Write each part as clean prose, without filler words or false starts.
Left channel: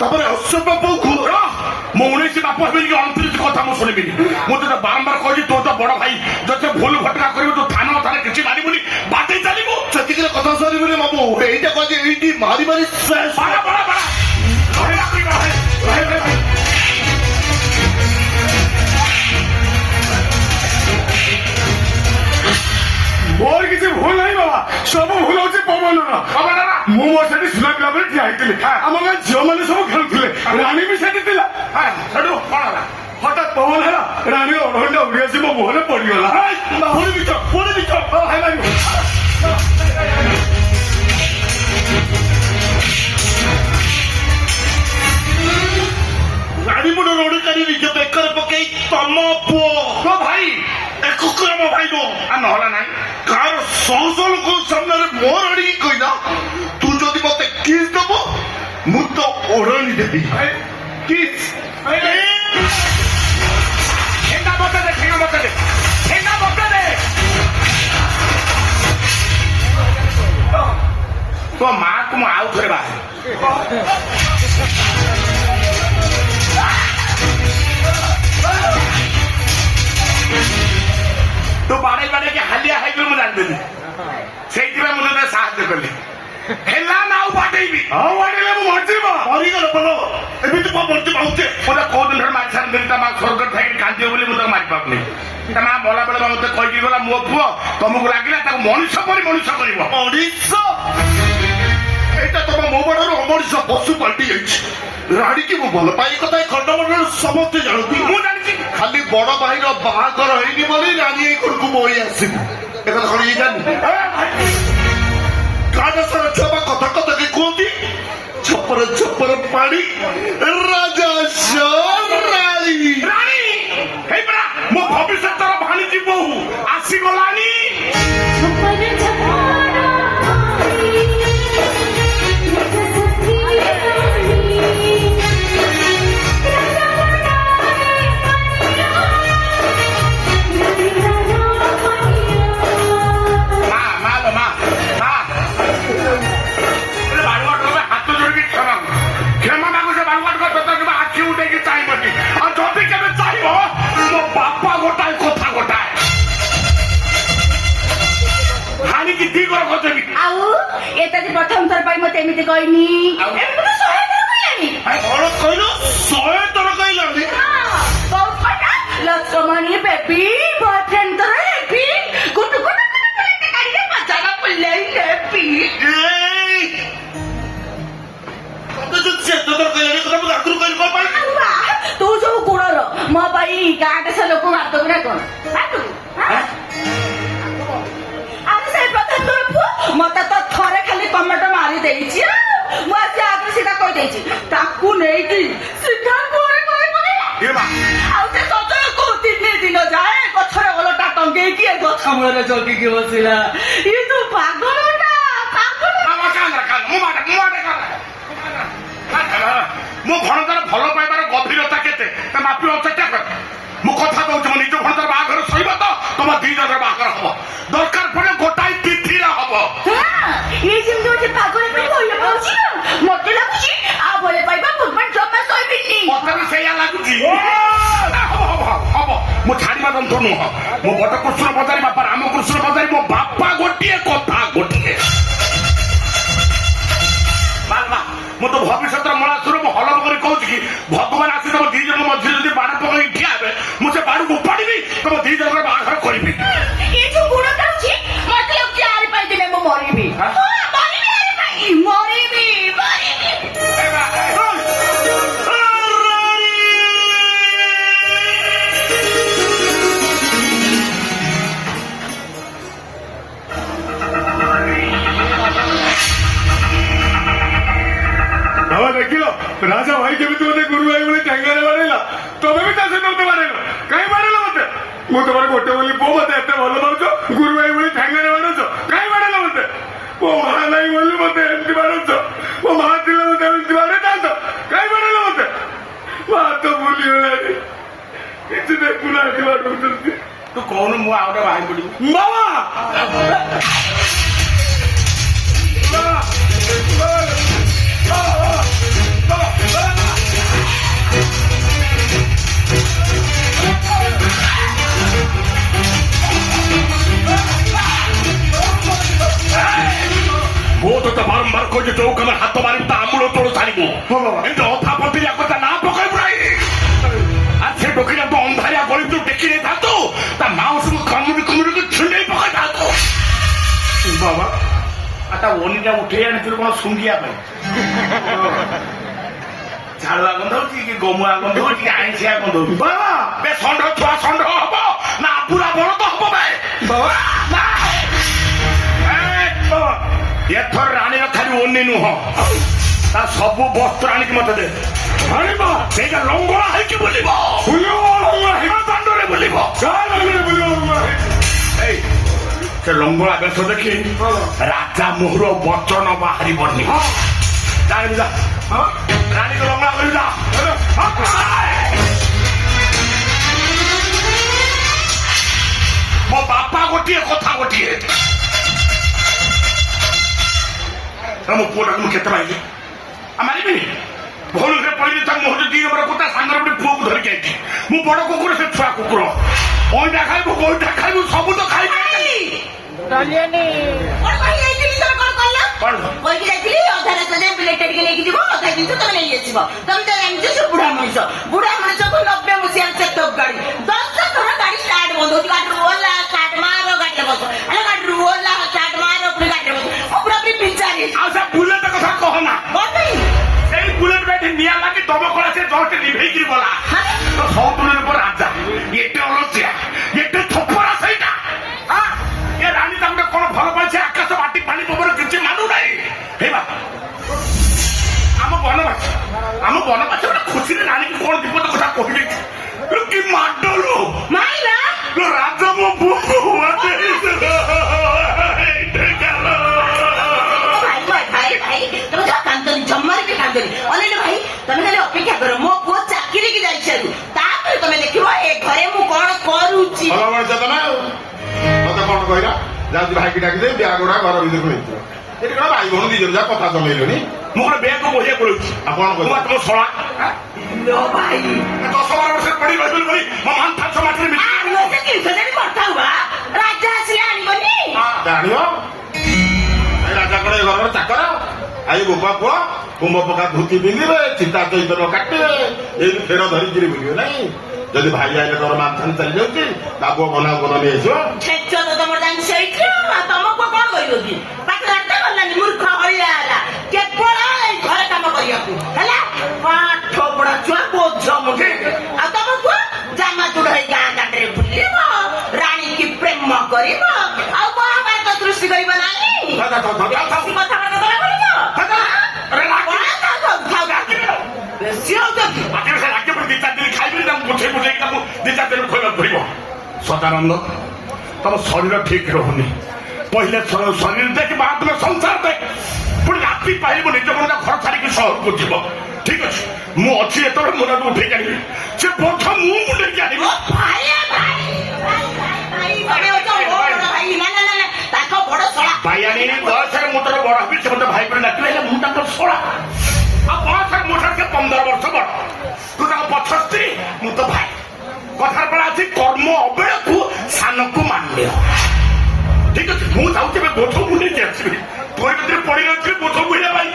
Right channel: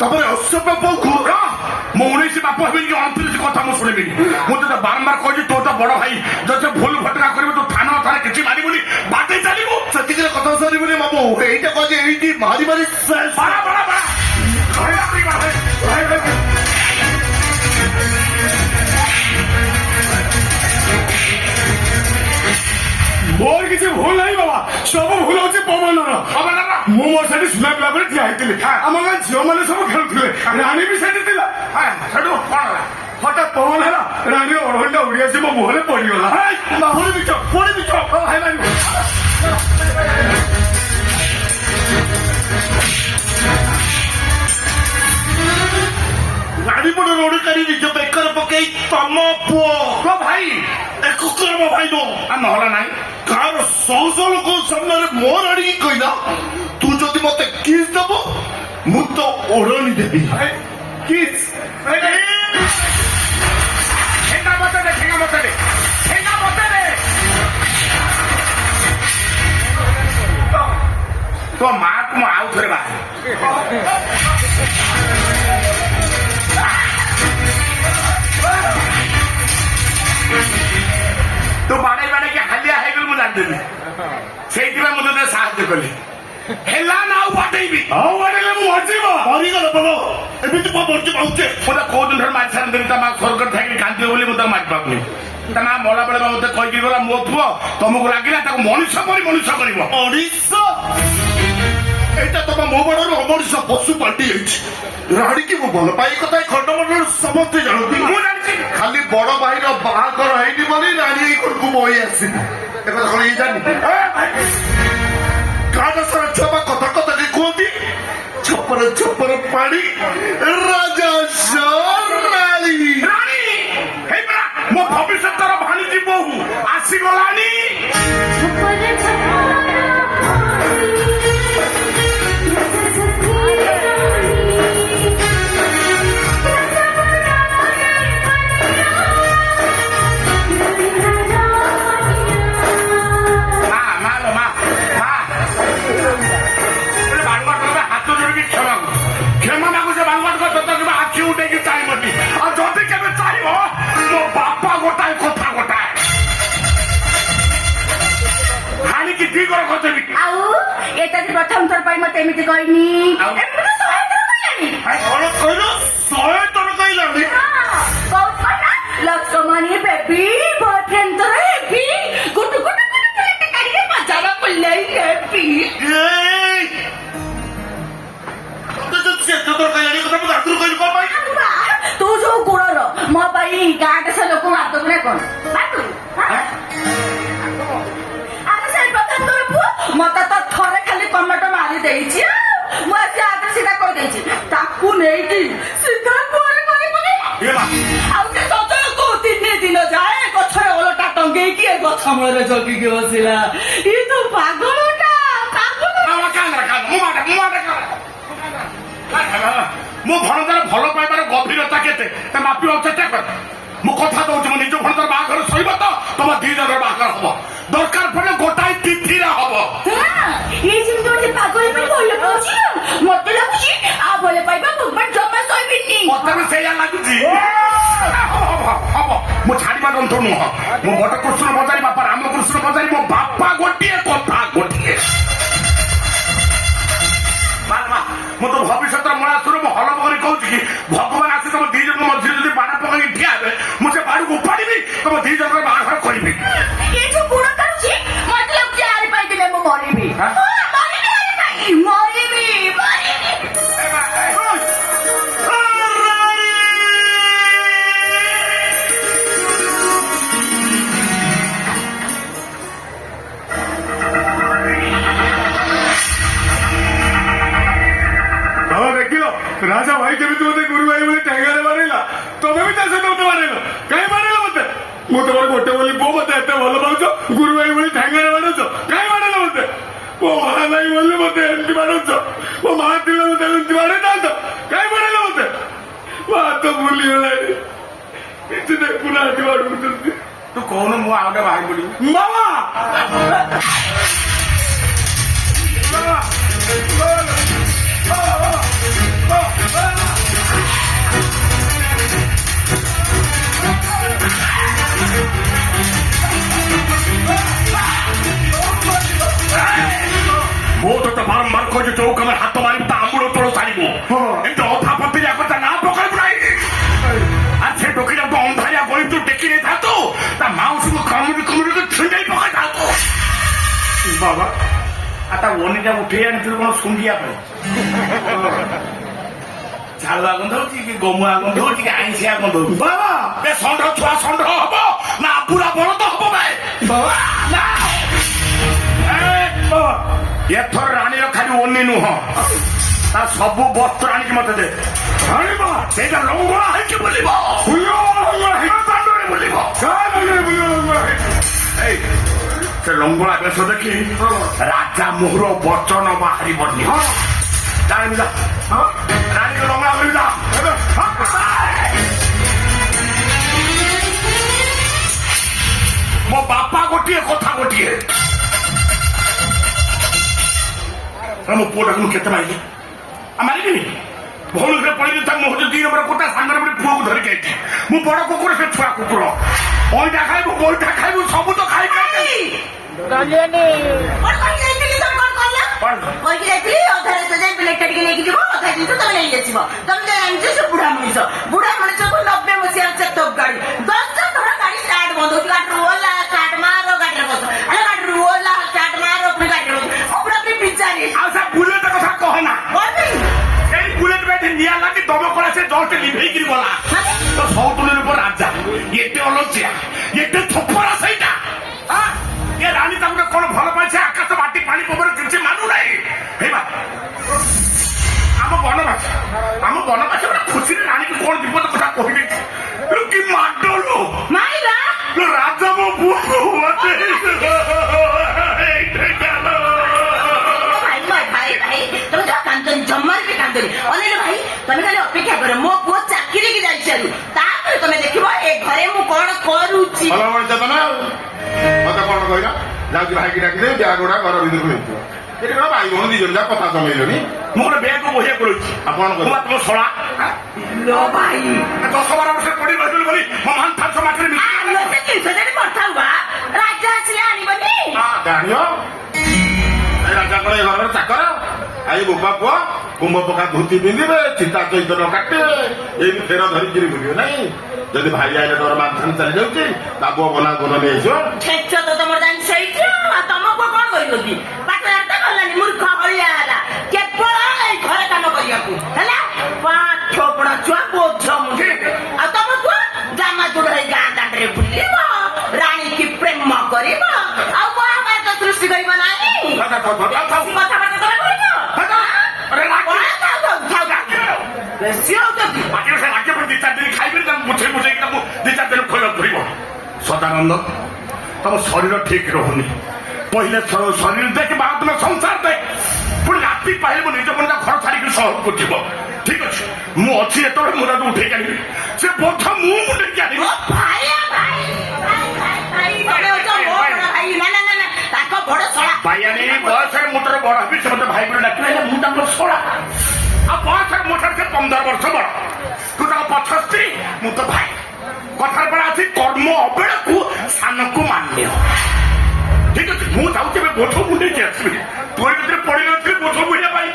ତାପରେ ଅସଭ୍ୟ ବୋଉକୁ ମୁଁ 19 ବାପ ହେବିନି କି 29 କଥା ମୁଁ ଶୁଣିବିନି। ମୁଁ ତୋତେ ବାରମ୍ବାର କହିଛି ତୁ ତ ବଡ ଭାଇ, ଯଦି ଭୁଲ ଘଟଣା କରିବୁ ତୁ ଥାନା ଥାରେ କିଛି ମାରିବୁନି, ବାଟେଇ ଚାଲିବୁ। ସେତିକିରେ କଥା ସରିବନି ମାମୁ, ଏଇଟା କହିଛି ଏଇଠି ମାରି ମାରି ମୋର କିଛି ଭୁଲ ନାହିଁ ବାବା, ସବୁ ଭୁଲ ହଉଛି ପବନର। ମୁଁ ମୋ ସେଠି ସୁନା ପିଲା ପରେ ଠିଆ ହେଇଥିଲି, ଆମ ଗାଁ ଝିଅ ମାନେ ସବୁ ଖେଳୁଥିଲେ, ରାଣୀ ବି ସେଠି ଥିଲା। ସେଠୁ କଣ ହେଲା? ହଠାତ୍ ପବନ ହେଲା, ରାଣୀର ଅଢେଇଟା ଉଡି ଆସି ମୋ ମୁହଁରେ ପଡିଗଲା। ପୁଣି ବିଚ ଗାଡି ପଟ ରୋଡକାରୀ ନିଜ ବେକରେ ପକେଇ ତମ ପୁଅ ଭାଇ ଏ କୁକୁର ମୋ ଭାଇ ନୁହଁ। ନହେଲା ନାଇଁ କାହାର ଶହ ଶହ ଲୋକଙ୍କ ସାମ୍ନାରେ ମୋର ଆଣିକି କହିଲା ତୁ ଯଦି ମତେ କିସ୍ ଦବ ମୁଁ ତ ଓଢଣି ଦେବି। କିସ୍ ଠେଙ୍ଗା ମତେ ଦେ, ଠେଙ୍ଗା ମତେ ଦେ, ଠେଙ୍ଗା ମତେ ଦେ। ତୋ ମାକୁ ମୁଁ ଆଉ ଥରେ ବାହାରେ ତୁ ବାଡେଇ ବାଡେଇକି ହାଲିଆ ହେଇଗଲୁ ମୁଁ ଜାଣିଦେଲି, ସେଇଥିପାଇଁ ମୁଁ ତୋତେ ସାହାଯ୍ୟ କଲି। ହେଲା ନା ଆଉ ବାଟେଇବି? ଆଉ ବାଟେଇଲେ ମୁଁ ମରିଯିବ। ମରିଗଲ ଭଲ ଏମିତି କଣ ବଞ୍ଚି ପାଉଛେ? ମୁଁ ତ କୋଉ ଦିନ ମାରି ସାରିଦେଲି, ତା ମା ସ୍ୱର୍ଗ ଥାଇକି କାନ୍ଦିବ ବୋଲି ମୁଁ ତାକୁ ମାରି ପାରୁନି। ତା ମା ମଲା ବେଳେ ମତେ କହିକି ଗଲା ମୋ ପୁଅ ତମକୁ ଲାଗିଲା ତାକୁ ମଣିଷ କରି ମଣିଷ କରିବ। ମଣିଷ ଏଇଟା ତମ ମୋ ବଡରୁ ଅମଣିଷ ପଶୁ ପାଲଟି ଯାଇଛି। ରାଣୀକି ମୁଁ ଭଲ ପାଇ କଥା ଖଣ୍ଡମଣ୍ଡଳ ସମସ୍ତେ ଜାଣନ୍ତି। ମୁଁ ଜାଣିଛି ଖାଲି ବଡ ଭାଇର ବାହାଘର ହେଇନି ବୋଲି ରାଣୀ ଏଇ ଘରକୁ ବୋଇ ଆସିବୁ। ଏ କଥା କଣ ଇଏ ଜାଣିନି? ଗାଁ ସାରା ଛୁଆ କଥା କଥା କି କୁହନ୍ତି ଛପର ଛପର ପାଣି ରାଜା ରାଣୀ ରାଣୀ ହେଇପରା ମୋ ଭବିଷ୍ୟତର ଭାଣିଜୀ ବୋହୂ ଆସିଗଲାଣି। କ୍ଷମା ମାଗୁଛେ ବାଳୁଆଟ ତୋତେ ଆଖି ଉଠେଇକି ଚାହିଁବନି, ଆଉ ଯଦି କେବେ ଚାହିଁବ ମୋ ବାପା ଗୋଟାଏ କଥା ଗୋଟାଏ ହାଣିକି ଦି ଘର କରିଦେବି। ଆଉ ଏଟା ଯେ ପ୍ରଥମ ଥର ପାଇଁ ମତେ ଏମିତି କହିନି, ଏମିତି 100 ଥର କହିଲାନି। କଣ କହିଲ? 100 ଥର କହିଲାନି। ବହୁତ କଥା ଲକ୍ଷ୍ମଣୀ ବେବି ବୟଫ୍ରେଣ୍ଡ ତୋର ହେବି ଗୁଟୁ ଗୁଟୁ କାଢିକି ପଚାରା ପଡିଲେଇ ହେବି। ତୁ ଯୋଉ ଗୁଣର ମୋ ପାଇଁ ଗାଁଟେ ସେ ଲୋକ ମାରିଦବୁ ନା କଣ? ଆରେ ସେଇ ପ୍ରଥମ ତୋର ପୁଅ ମତେ ତ ଥରେ ଖାଲି କମେଣ୍ଟ ମାରି ଦେଇଛି, ମୁଁ ଆଜି ଆଗରେ ସିଧା କହିଦେଇଛି ତାକୁ ନେଇକି ସିଧା କୁଆଡେ କହିବୁନି। ଆଉ ସେ ସଜକୁ 3 ଦିନ ଯାଏ ଗଛରେ ଓଲଟା ଟଙ୍ଗେଇକି ଏ ଗଛ ମୂଳରେ ଜଗିକି ବସିଲା। ଇ ତୁ ପାଗଳଟା ପାଗଳ। ମୋ ଭଣଜାର ଭଲ ପାଇବାର ଗଭୀରତା କେତେ ତା ମାପିବା ଚେଷ୍ଟା କର। ମୁଁ କଥା ଦଉଛି ମୋ ନିଜ ଭଣଜାର ବାହାଘର ସରିବ ତ ତମ 2 ଜଣର ବାହାଘର ହବ, ଦରକାର ପଡିଲେ ଗୋଟାଏ ତିଥିରେ ହବ। ଇଏ ଯେମିତି ଗୋଟେ ପାଗଳ ପାଇଁ ଭଲ ପାଉଛି ନା, ମତେ ଲାଗୁଛି ଆଉ ଭଲ ପାଇବା ଭଗବାନ ଜମା ସହିବେନି। ମତେ ବି ସେଇଆ ଲାଗୁଛି। ହବ ମୁଁ ଛାଡିବା ଜନ୍ତୁ ନୁହଁ, ମୋ ବଟ କୃଷ୍ଣ ବଜାରୀ ବାପା ରାମକୃଷ୍ଣ ବଜାରୀ ମୋ ବାପା ଗୋଟିଏ କଥା ଗୋଟିଏ। ମୁଁ ତ ଭବିଷ୍ୟତର ମଳାସୁର ମୁଁ ହଲମ କରି କହୁଛି କି ଭଗବାନ ଆସି ତମ 2 ଜଣଙ୍କ ମଝିରେ ଯଦି ବାଣ ପକାଇ ଠିଆ ହେବେ ମୁଁ ସେ ବାଣକୁ ଉପାଡ଼ିବି, ତମ 2 ଜଣଙ୍କର ବାହାଘର କରିବି। ଏ ଯୋଉ ଗୁଣ କାଢୁଛି ମତେ ଲାଗୁଛି ଆରି ପାଇଁ ଦିନେ ମୁଁ ମରିବି। ମରିବି। ଦେଖିଲ ରାଜା ଭାଇ କେମିତି ମତେ ଗୁରୁ ଭାଇ ଭଳି ଠେଙ୍ଗାରେ ବାଡେଇଲା, ତମେ ବି ତା ସହିତ ମତେ ବାଡେଇଲ। କାହିଁ ବାଡେଇଲ ମତେ? ମୁଁ ତମର ଗୋଟେ ବୋଲି ପୁଅ, ମତେ ଏତେ ଭଲ ପାଉଛ, ଗୁରୁ ଭାଇ ଭଳି ଠେଙ୍ଗାରେ ବାଡଉଛ, କାହିଁ ବାଡେଇଲ ମତେ? ମୋ ମା ନାହିଁ ବୋଲି ମତେ ଏମିତି ବାଡଉଛ, ମୋ ମା ଥିଲେ ମତେ ଏମିତି ବାଡେଇଥାନ୍ତ, କାହିଁ ବାଡେଇଲ ମତେ? ମା ତ ଭୁଲିଗଲାଣି, କିଛି ଦେଖୁନାହାନ୍ତି ବାଡଉଛନ୍ତି। ତୁ କହୁନୁ ମୁଁ ଆଉ ଗୋଟେ ବାହାରି ପଡିବି। ମାମା ମୁଁ ତୋତେ ବାରମ୍ବାର କହିଛି ଚୌକାମରେ ହାତ ମାରିବୁ ତା ଆମୂଳ ତୋଳ ଛାଡ଼ିବୁ ଏମିତି ଅଧା ପତିରିଆ କଥା ନା ପକାଇବୁ ନାହିଁ আর সে ডকিটা তো অন্ধারিয়া গলি তুই ডেকে নিয়ে থাকতো তা মাউসকে কামড়ি কামড়ি ছিঁড়েই পকাই থাকতো বাবা আর তা অনিটা উঠে আনিছিল কোন শুঙ্গিয়া পাই ঝাড়ুয়া গন্ধ হচ্ছে কি গমুয়া গন্ধ হচ্ছে কি আইসিয়া গন্ধ হচ্ছে বাবা বে ষণ্ঢ ছুয়া ষণ্ঢ হব না পুরা বড় তো হব ভাই বাবা না এথর রানীর খালি অন্য নুহ তা সবু বস্ত্র আনিকি মতে দে আনিব সেইটা লঙ্গড়া হইকি বলিব দাণ্ডরে বলিব এই সে লঙ্গড়া বেশ দেখি রাজা মোহর বচন বাহারিবনি জানিবি যা রানীকে লঙ্গড়া করিবি যা ମୋ ବାପା ଗୋଟିଏ କଥା ଗୋଟିଏ ମୋ ପୁଅଟାକୁ ମୁଁ କେତେ ମାରିବି ମାରିବିନି ଭଉଣୀରେ ପଳେଇ ତା ମୁହଁ 2 ନମ୍ବର କୁଟା ସାଙ୍ଗରେ ଗୋଟେ ପୁଅକୁ ଧରିକି ଆଇଛି ମୁଁ ବଡ କୁକୁର ସେ ଛୁଆ କୁକୁର ଅଇଁଠା ଖାଇବୁ ଗୋଇଠା ଖାଇବୁ ସବୁ ତ ଖାଇବି କହିକି ଯାଇଥିଲି ଅଧା ରାସ୍ତା ଯାଇ ପ୍ଲେଟଟା ଟିକେ ନେଇକି ଯିବ ଅଧା ଜିନିଷ ତମେ ନେଇ ଆସିବ ତମେ ତ ଜାଣିଛ ସେ ବୁଢା ମଣିଷକୁ 90 ମସିହାର ଚେତକ ଗାଡି 10 ଥର ଗାଡି ଷ୍ଟାର୍ଟ ବନ୍ଦ ହଉଛି ଗାଡିରୁ ଓଲା ଷ୍ଟାର୍ଟ ମାର ଗାଡିରେ ବସ ଆରେ ଗାଡିରୁ ଓଲା ଷ୍ଟାର୍ଟ ମାର ପୁଣି ଗାଡିରେ ବସ ପୁରା ବିଚାରି ଆଉ ସେ ବୁଲେଟ କଥା କହନା ସେଇ ବୁଲେଟ ବେଠି ନିଆଁ ଲାଗି ଦମକଳ ସେ ଜଷ୍ଟ ଲିଭେଇକିରି ଗଲା ତ ସଉତୁଳିର ପରେ ରାଜା ଏତେ ଅଲଜିଆ ଏତେ ଥୋପରା ସେଇଟା ଏ ରାଣୀ ତାଙ୍କୁ କଣ ଭଲ ପାଇছে ଆକାଶ ମାଟି ପାଣି ପବନ କିଛି ମାନୁ ନାହିଁ ହେଇବା ଆମ ବନବାସ ଗୋଟେ ଖୁସିରେ ରାଣୀକୁ କଣ ବିପଦ କଥା କହିଦେଇଛି କି ମାଡଲୁ ମାଇଲା ରାଜା ମୋ ପୁଅକୁ ତମେ ଯାହା କାନ୍ଦନି ଜମାରେ ବି କାନ୍ଦନି ଅନେଇଲେ ଭାଇ ତମେ ଖାଲି ଅପେକ୍ଷା କର ମୋ ପୁଅ ଚାକିରି କି ଯାଇସାରୁ ତାପରେ ତମେ ଦେଖିବ ଏ ଘରେ ମୁଁ କଣ କରୁଛି ଭଲ ମଣିଷ ତ ନା ଆଉ ମତେ କଣ କହିଲ ଯାଉଛି ଭାଇକି ଡାକିଦେବି ବ୍ୟାଗ ଗୁଡା ଘର ଭିତରକୁ ନେଇଯିବ ଏଠି କଣ ଭାଇ ଭଉଣୀ 2 ଜଣ ଯାକ କଥା ଜମେଇଲନି ମୁଁ କଣ ବ୍ୟାଗକୁ ବହିଆ ପଳଉଛି ଆଉ କଣ କରିବ ତମ ଶଳା ଭାଇ 10-12 ବର୍ଷ ପଡି ରହିଥିଲି ବୋଲି ମୋ ମାନ ଫାସ ମାଟିରେ କରିଥାଉ ବା ରାଜା ଆସିଲେ ଆଣିବନି ଜାଣିବ ଏ ରାଜା କଣ ଏ ଘରର ଚାକର ଆଇ ବୋପା ପୁଅ କୁମ୍ଭ ପକା ଧୋତି ପିନ୍ଧିବେ ଚିତା ଚୈତନ କାଟିବେ ଏଇ ଫେର ଧରିକିରି ବୁଲିବେ ନାଇଁ ଯଦି ଭାଇ ଆଇଲେ ତୋର ମାଧ୍ୟାନ ଚାଲି ଯାଉଛି ତା ପୁଅ ବନା ବନା ନେଇ ଆସିବ ଛେଚ ତ ତମର ଜାଣି ସେଇଠି ତମ ପୁଅ କଣ କରିବ କି ପାଠ ଜାଣିତେ ଗଲାନି ମୂର୍ଖ ଭଳିଆ ହେଲା କେବଳ ଏଇ ଘରେ କାମ କରିବାକୁ ହେଲା ପାଠ ପଢା ଛୁଆ ବୋଝ ମୁଣ୍ଡ ଆଉ ତମ ପୁଅ ଜାମା ଚୁଡ ହେଇ ଗାଁ ଦାଣ୍ଡରେ ବୁଲିବ ରାଣୀ କି ପ୍ରେମ କରିବ ଆଉ ମହାଭାରତ ସୃଷ୍ଟି କରିବ ନାହିଁ କଥାବାର୍ତ୍ତା ତମେ କରିବ ବେଶୀ ହଉଛନ୍ତି ରାଜ୍ୟ ପାଇଁ 2-4 ଦିନ ଖାଇବେନି ତାଙ୍କୁ ବୁଝେଇ ବୁଝେଇକି ତାଙ୍କୁ 2-4 ଦିନ ଖୋଇବାକୁ ପଡିବ ସଦାନନ୍ଦ ତମ ଶରୀର ଠିକ ରହୁନି ପହିଲେ ଶରୀର ଦେଖ ବାହାଦୁର ସଂସାର ଦେଖ ପୁଣି ରାତି ପାଇଲେ ମୋ ନିଜ ମନରେ ଘର ଛାଡିକି ସହରକୁ ଯିବ ଠିକ ଅଛି ମୁଁ ଅଛି ଯେତେବେଳେ ମୁଁ ତାକୁ ଉଠେଇକି ଆଣିବି ସେ ବୋଝ ମୁଁ ମୁଣ୍ଡେଇକି ଆଣିବି ତାଙ୍କ ବଡ ଶଳା ଭାଇଆଣୀ ବୟସରେ ମୁଁ ତୋର ବଡ ହେବି ସେ ମତେ ଭାଇ ବୋଲି ଡାକିବେ ହେଲେ ମୁଁ ତାଙ୍କର ଶଳା ଆଉ ବୟସରେ ମୋ ଠାରୁ ସେ 15 ବର୍ଷ ବଡ ତୁ ତାଙ୍କ ପଛ ସ୍ତ୍ରୀ ମୁଁ ତ ଭାଇ କଥାର ପଡା ଅଛି କର୍ମ ଅବେଳକୁ ସାନକୁ ମାନ୍ୟ ଠିକ ଅଛି ମୁଁ ଯାଉଛି ଏବେ ବୋଝ ମୁଣ୍ଡେଇକି ଆସିବି ତୋର ଭିତରେ ପଡି ନଥିଲି ବୋଝ ବୁଝିବା ପାଇଁ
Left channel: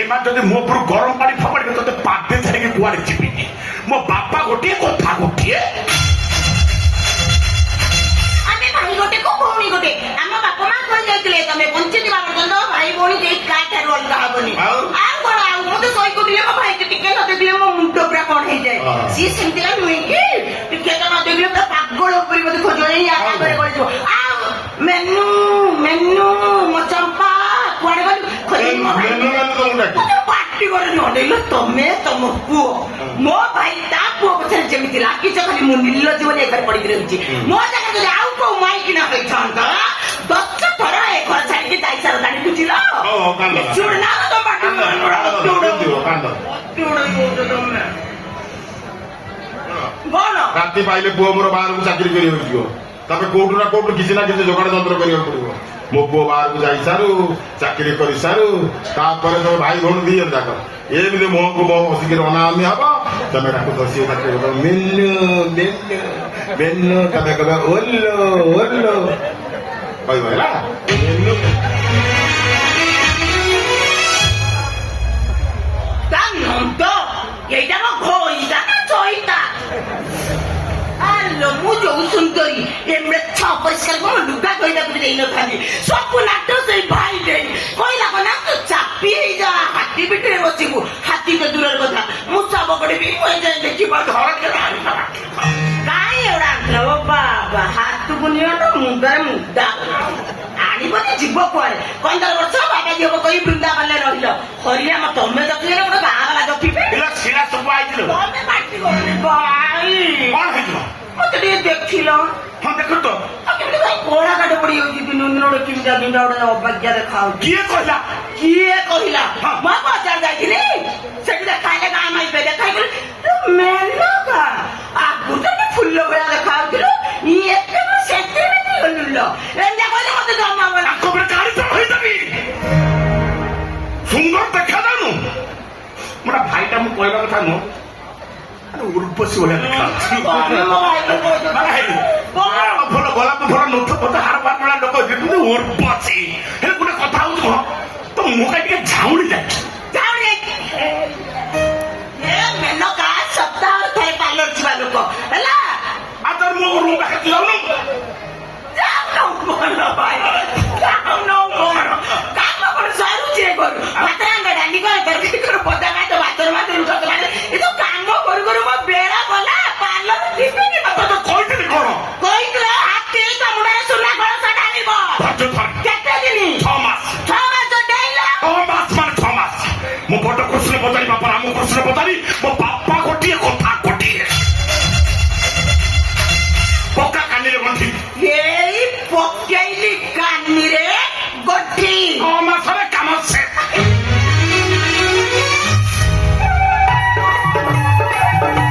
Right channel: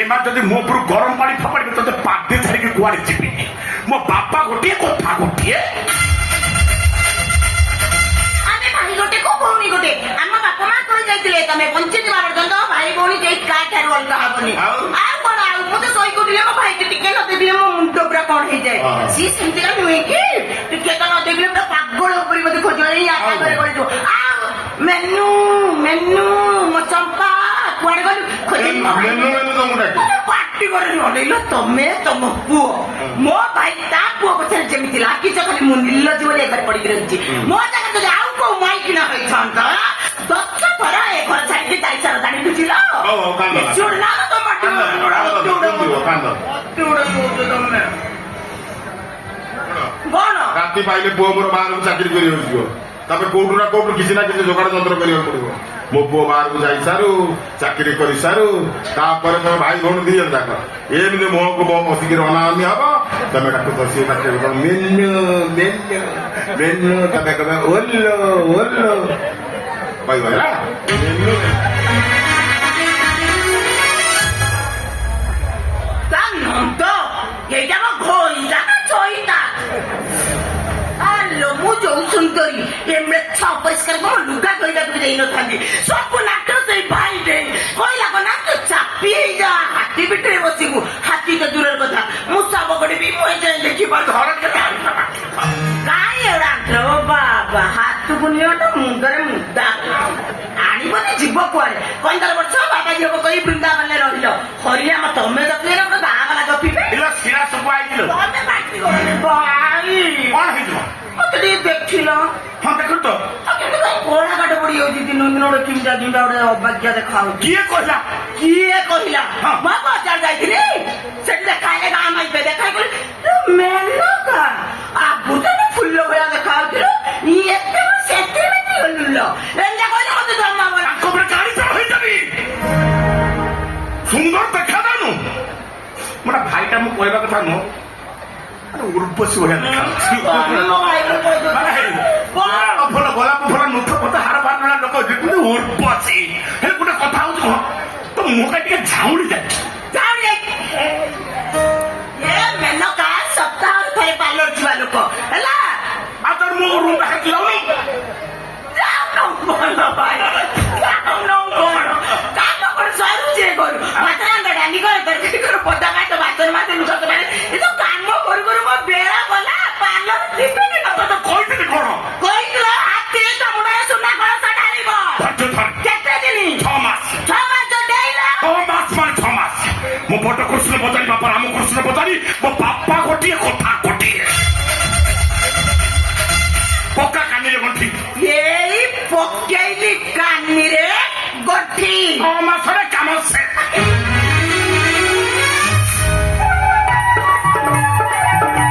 ଏମାନେ ଯଦି ମୋ ଉପରୁ ଗରମ ପାଣି ଫୋପାଡ଼ିବେ ତତେ ପାଦେ ଛାଡ଼ିକି କୁଆଡେ ଯିବି ମୋ ବାପା ଗୋଟିଏ କଥା ଗୋଟିଏ ଗୋଟେ କୋ ଭଉଣୀ ଗୋଟେ ଆମ ବାପା ମା କହି ଯାଇଥିଲେ ତମେ ବଞ୍ଚିଥିବା ପର୍ଯ୍ୟନ୍ତ ଭାଇ ଭଉଣୀ କେହି କାହାଠାରୁ ଅଲଗା ହବନି ଆଉ କଣ ଆଉ ମୁଁ ତ ଶୋଇ କହୁଥିଲି ମୋ ଭାଇକି ଟିକେ ନ ଦେଖିଲେ ମୋ ମୁଣ୍ଡ ପୁରା କଣ ହେଇଯାଏ ସିଏ ସେମିତିକା ନୁହେଁ କି ଟିକେ ତ ନ ଦେଖିଲେ ପୁରା ପାଗଳ ଉପରେ ମତେ ଖୋଜ ଏଇ ଆଗରେ ଗଳିଯିବ ଆଉ ମେନୁ ମେନୁ ମୋ ଚମ୍ପା କୁଆଡେ ଗଲୁ ଖୋଜେନି ମୋ ଭାଇ ପାଟି କରେନି ଅନେଇଲ ତମେ ତମ ପୁଅ ମୋ ଭାଇ ତା ପୁଅ ପଛରେ ଯେମିତି ଲାଗିଛ ଖାଲି ମୁଁ ନିର୍ଲଜ୍ଜ ବୋଲି ଏ ଘରେ ପଡିକି ରହିଛି ମୋ ଜାଗାରେ ଯଦି ଆଉ କୋଉ ମାଇକିନା ହେଇଥାନ୍ତା 10 ଥର ଏ ଘର ଛାଡିକି ଯାଇସାର ଦାଣି ବୁଝିଲ ଚୁଡନା ତ ପାଟି କଣ ରାତି ପାଇଲେ ପୁଅ ମୋର ବାହାରକୁ ଚାକିରି କରିବାକୁ ଯିବ ତାପରେ କୋଉଠୁ ନା କୋଉଠୁ କିଛି ନା କିଛି ଯୋଗାଡ଼ ଯନ୍ତ୍ର କରିବାକୁ ପଡିବ ମୋ ପୁଅ ବାହାରକୁ ଯାଇ ସାରୁ ଚାକିରି କରି ସାରୁ ତାପରେ ତମେ ଭାଇ ଭଉଣୀ ଦି ଜଣ ଯାକ ଏମିତି ମୁହଁକୁ ମୁହଁ ବସିକି ଅନାଅନି ହବ ତମେ ଡାକୁଛ ସିଏ ଡାକିବ ମିନୁ ମିନୁ ମିନୁ ତମେ କହିବ ଓଲୋ ଓଲୋ କହିବ ହେଲା ମିନୁ ତା ନନ୍ଦ ଏଇଟା ମୋ ଘଇଟା ନା ଚଇଟା ଆଲୋ ମୁଁ ଯୋଉ ସୁନ୍ଦରୀ ଏମେ ଛଅ ପରିଷ୍କାର ମୋ ଲୁଗା କହିବାକୁ ବି ଦେଇନଥାନ୍ତି ସବୁ ନାଟ ସେଇ ଭାଇ ଦେଇ କହିଲା କନା ତୁ ଚାପି ହେଇଯା ହାତୀ ଭିତରେ ବସିବୁ ହାତୀ ତ ଦୂରର କଥା ମୁଁ ସାବ କରିବି ମୁଁ ଯିବ ଘର କାଇଁ ଏଗୁଡା ଆଣିଥିଲ ବାବା ହାତକୁ ନିଅ ତ ମୁଣ୍ଡରେ ମୁଦା ଆଣିବନି ଯିବ କୁଆଡେ 15 ବର୍ଷ ବାବା ଝିଅକୁ କହି ବୃନ୍ଦାବନରେ ରହିଲ ହରିଆ ତମେ ଦେଖିଲେ ଗୋଟେ ଗାଁ ବାଲା ଗପିବେ ଶିଳା ସବୁ ଆଇଥିଲ ତମେ ବାଟି ଗଲେ ଭାଇ କଣ ହେଇଥିବ ମତେ ଟିକେ ଦେଖିଲ ହଁ ଦେଖୁ ତ କେମିତି କାଇଁ କଳା କାଟ ପଡି ଯାଉଛି ଦିନ ଦିନ ଗୋଟେ ଚିନ୍ତା ଚିନ୍ତା ଗୋଟେ ଅବାଗ୍ୟା ଦେଖାଉଛି କିଏ କହିଲା କିଏ କହିଲା ହଁ। ମୁଁ ବଜାର ଯାଇଥିଲି ସେଠି ଦେଖାଇଲେ ଗାଁ ମାଇପେ ଦେଖାଇଲେ ମେନକା ଆଗରୁ ତ ଫୁଲ ଭଳିଆ ଦେଖାଯାଉଥିଲୁ ଏତେ ସେତିକି ଗଲୁଲ ଏମିତି କହିଲେ ମତେ ଜମା ଭଲ ତାଙ୍କ ଉପରେ ଗାଡି ଚଢ ହେଇଯାବି ସୁନ୍ଦର ଦେଖାଯାଉନୁ ମୋଟା ଭାଇଟା ମୁଁ କହିବା କଥା ନୁହଁ ଉର୍ବଶୀ ଭଳିଆ ଦେଖାଯାଉଛି ଭଲ ଗୋଲାପ ଭଲ ନୁଥ ପଥ ହାଡ ପାଟ ଭଳିଆ ଲୋକ କିନ୍ତୁ ଉର୍ବଶୀ ହେଲେ ଗୋଟେ କଥା ହଉଛି କଣ ତ ମୁହଁଟା ଟିକେ ଝାଉଁଳି ଯାଇଛି ମେନକା ସପ୍ତାହରେ ଥରେ ପାର୍ଲର ଯିବା ଲୋକ ହେଲା ଆଉ ତୋର ମୁହଁ ରୁମ୍ ବାହାରକୁ ଯାଉନୁ ଭଲ ଭାଇ କାମ କଣ ସରୁଛି କରୁ ମାତ୍ର ଡାଲି କର ତରକାରୀ କର ପଦା କାଟ ବାତର ମାତ ଲୁକା ମାନେ ଏ ତ କାମ କରୁ କରୁ ମୋ ବେଳା ଗଲା ପାର୍ଲର ଯିବିନି ତତେ କହିଥିଲି କଣ କହିଥିଲ ହାତୀରେ ତ ମୁଣ୍ଡରେ ସୁନା କଳସ ଢାଳିବ କେତେ ଦିନ 6 ମାସ 6 ମାସ ଡେଇଲା 6 ମାସ ମାନେ 6 ମାସ ମୋ ବଡ କୃଷ୍ଣ ପଚାରି ବାପା ରାମ କୃଷ୍ଣ ପଚାରି ମୋ ବାପା ଗୋଟିଏ କଥା ଗୋଟିଏ ପକ୍କା କାନିରେ ଗଣ୍ଠି ଏଇ ପକେଇଲି କାନିରେ ଗଠି 6 ମାସରେ କାମ ସେ